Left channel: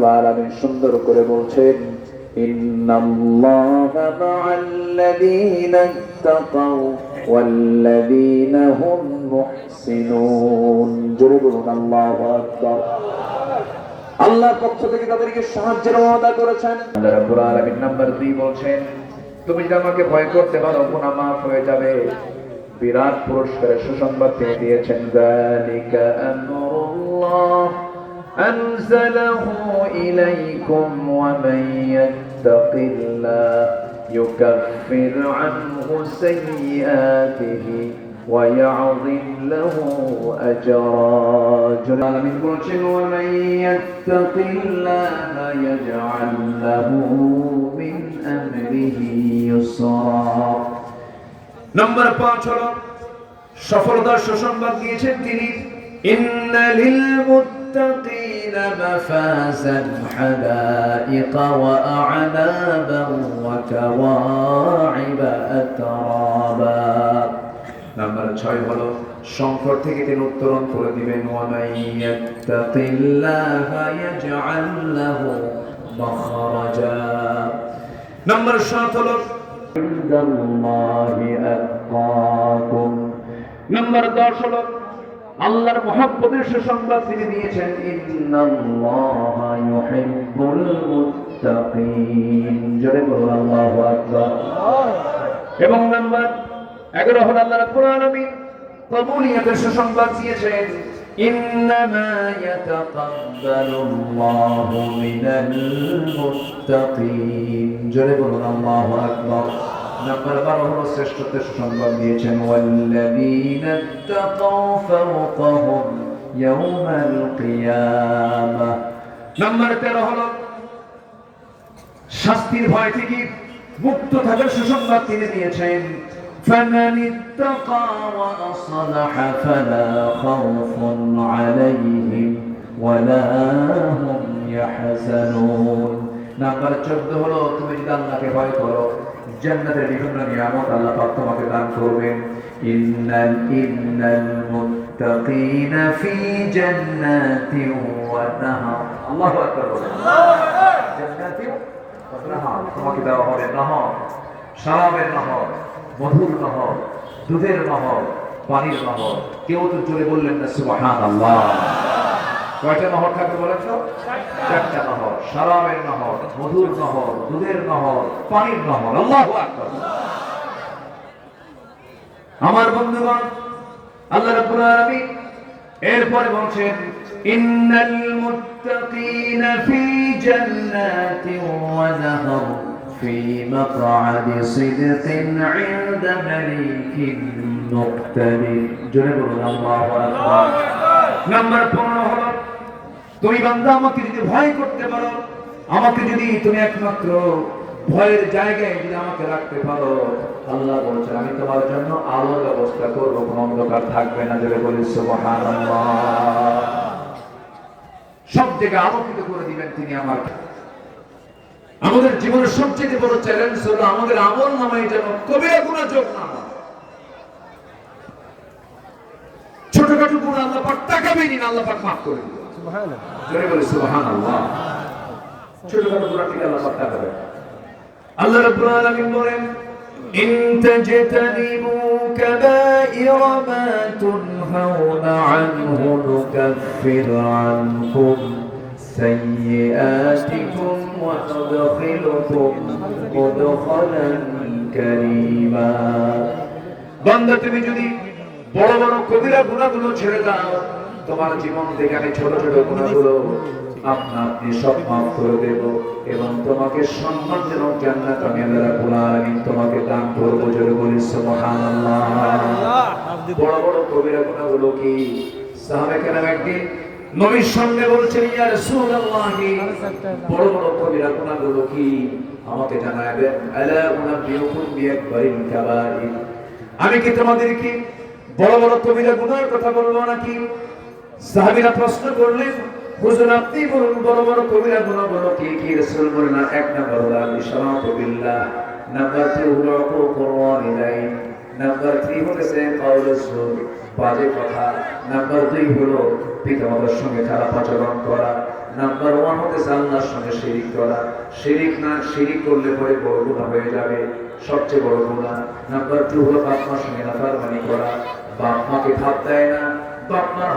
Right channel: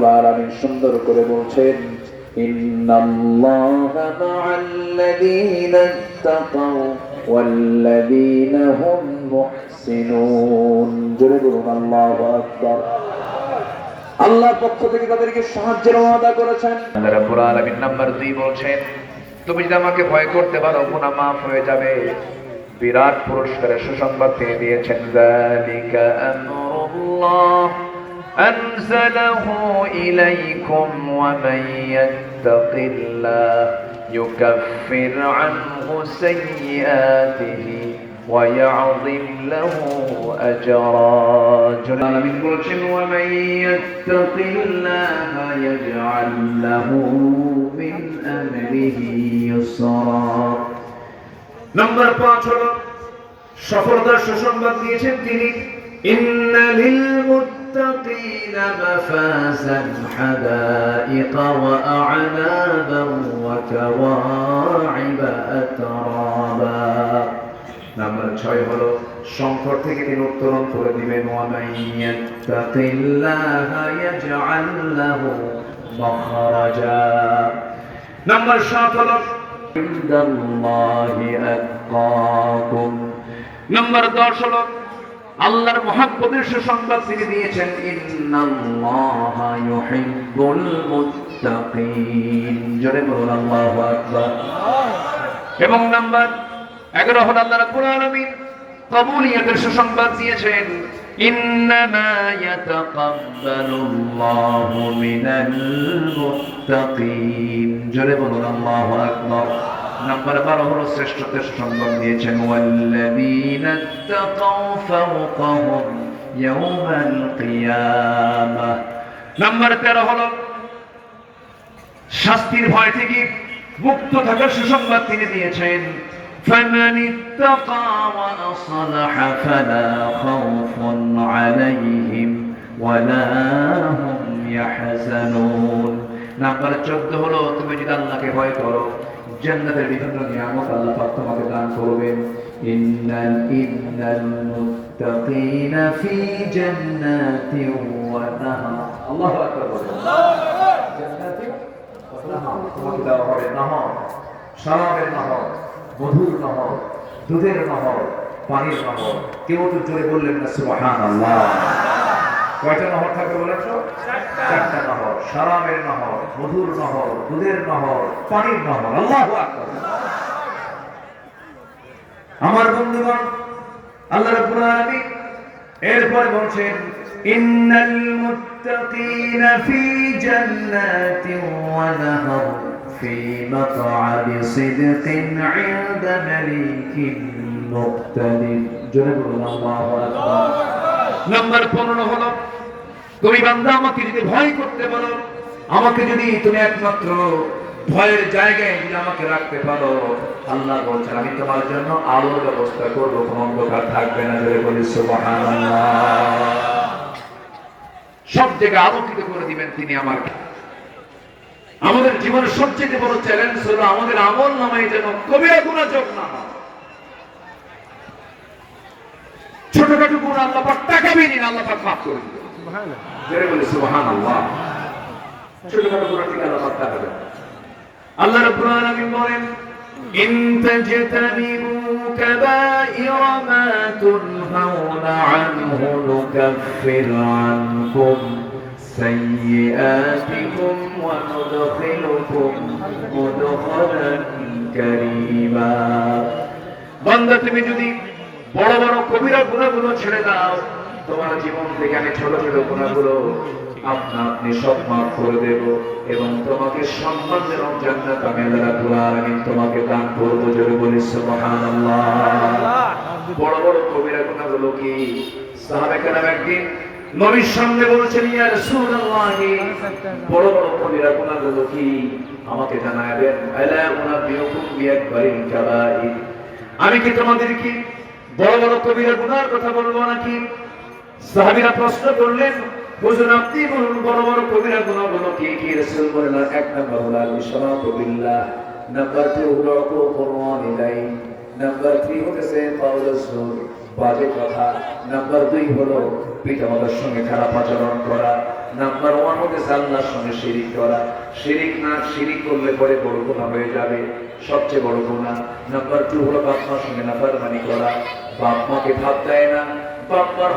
রাব্বুল আলামিন সুন্দর করে বলছেন, ইন্নাল্লাহা মা'আল্লাযীনা ইত্তাকাও ওয়াল্লাযীনা হুম মুহসিনুন। জোরে বলুন আল্লাহু আকবার। আল্লাহর পক্ষ থেকে তাদেরকে সাহায্যের ওয়াদা করেছেন। আল্লাহ রাব্বুল আলামিন নাম্বার 2 বলছেন, তুমি যদি আমাকে ভয় করতে পারো গুনাহ মাফ হয়ে যাবে। বিরাট পুরস্কারের সুসংবাদ তিনি দিয়েছেন, যালিকা আমরুল্লাহ আনজালাহু ইলাইকুম ওয়া মান ইয়াত্তাকিল্লাহ ইউকাফির আনহু সাইয়্যাতিহি ওয়া ইয়াযিম লাহু আজরা। আলামিন বলছেন, ওয়া মান ইয়াত্তাকিল্লাহ ইয়াজআল লাহু মিন আমরিহি ইউসরা। নম্বর 5 হলো সফলতার সুসংবাদ দিয়েছেন তিনি, ইন্না লিল মুত্তাকিনা মাফাজান হাদাইকা ওয়া আ'নাবান ওয়া কাওয়াইবা আতরাবা। নম্বর 6 হলো সংকট থেকে তিনি উত্তরণ করে দিবেন, ওয়া মান ইয়াত্তাকিল্লাহা ইয়াজআল লাহু মাখরাজা। নম্বর 7 হলো নম্বর 10 হলো আল্লাহর মুহাব্বতের সুসংবাদ তিনি দিয়েছেন, ইন্নাল্লাহা ইউহিব্বুল মুত্তাকিন। জোরে বলুন আল্লাহু আকবার। এবং নম্বর 11 হলো আল্লাহ রাব্বুল আলামিন কবুলিয়তের সুসংবাদ দিয়েছেন, ইন্নামা ইয়াতাকাব্বালুল্লাহু মিনাল মুত্তাকিন। জোরে বলুন আল্লাহু আকবার। নম্বর 12 হলো শ্রেষ্ঠত্বের সুসংবাদ দিয়েছেন, ওয়াল্লাযীনা ইত্তাকাও ফাওকাহুম ইয়াওমাল কিয়ামাহ। নম্বর 13 হলো শাস্তির ভয় থেকে মুক্ত থাকার সুসংবাদ তিনি দিয়েছেন, فمن اتقى وأصلح فلا خوف عليهم ولا هم يحزنون। নাম্বার 14 হলো তুমি যদি আল্লাহকে ভয় করো জান্নাতের বিভিন্ন নিয়ামত আল্লাহ পাক তোমাকে দান করবেন। ইন্নাল মুত্তাকিনা ফি জান্নাতিন ওয়া নাহার। আল্লাহু আকবার। জান্নাতিন ওয়া নাহার, তোমাকে দেওয়া হবে নহর, শরাবের নহর, মধুর নহর, দুধের নহর, পানির নহর। কেউ তো জোরে বললেন না সুবহানাল্লাহ। কয়টা নহর থাকবে বলেন তো? 4টা নহর, শরাবের নহর, মধুর নহর, দুধের নহর, পানির নহর। আল্লাহু আকবার। আমার বন্ধুগণ, আল্লাহ রাব্বুল আলামিন এরপর বলছেন, ইন্নাল মুত্তাকিনা ফি জান্নাতিন ওয়া নাহার في مقعد صدق عند مليك مقتدر। জোরে বলুন আল্লাহু আকবার। নম্বর 15 হলো তুমি বান্দা আমাকে যদি ভয় করতে পারো, আমাকে যদি তুমি একমাত্র ভয়ের জায়গায় যদি আমাকে রাখতে পারো, আল্লাহ বলছেন আমি তোমার জন্য আলোর ব্যবস্থা করব, কোনো অন্ধকার থাকবে না। জোরে বলি সুবহানাল্লাহ। সব জায়গায় আলোকিত করে দিবেন তিনি আমাকে। আমাদের জীবনের সবচেয়ে বড় চ্যালেঞ্জ হলো আমাদের আমল নামায় যেন কবিরা গুনাহ যোগ না হয়। ছোটখাটো গুনাহ আল্লাহ পাক তাকাবে না, আল্লাহ পাক মাফ করে দিবেন। সুবহানাল্লাহ। জোরে বলি সুবহানাল্লাহ। ছোটখাটো গুনাহ থেকে আল্লাহ পাক তাকাবে। আল্লাহ রাব্বুল আলামিন বলেন, ইন তাজতানিবু কাবাইরা মা তুনহাউনা আনহু নুকাফির আনকুম سيئاتكم وندخلكم مدخلا كريما। বান্দা তুমি যদি বড় বড় কবিরা গুনাহগুলো ছেড়ে দাও, তোমার জীবন থেকে আমি ছোট ছোট গুনাহগুলো আপনি সব মাফ করে দেব এবং তোমাকে সম্মানজনক জান্নাত আমি আল্লাহ রাব্বুল আলামিন তোমাকে দান করব। জোরে বলি সুবহানাল্লাহ। বড় বড় কবিরা গুনাহগুলো কি? সাহাবা কেরাম একদিন নবীর সামনে বলছেন, ইয়া রাসূলুল্লাহ বড় বড় কবিরা গুনাহগুলো কি আমাকে জানাবেন। আলা উনাবিয়ুকুম বিআকবারিল কাবাইর, আমি কি তোমাদেরকে বড় বড় কবিরা গুনাহের কথা বলবো নাকি? সাহাবীরা প্রশ্ন করলেন, হুজুর আপনি বলুন বড় বড় কবিরা গুনাহগুলো কি কি? রাসূল বললেন, এক নম্বর হলো আল-ইশরাকু বিল্লাহ, নাম্বার 2 হলো উকুকুর ওয়ালিদাইন, নাম্বার 3 হচ্ছে কাউলুস সুর, বাজে কথা, নাম্বার 2 হলো পিতামাতার সঙ্গে খারাপ আচরণ করা, নাম্বার 1 হচ্ছে আল্লাহ শিরিক করা। শিরিক করলে পরে বড় গুনাহ হয়ে যাবে, সবচেয়ে বড় গুনাহ। নাম্বার 2 হলো বাপ মার সঙ্গে নাফরমানি করা। বাপ মাকে ভাত দেয় না, বাপ মার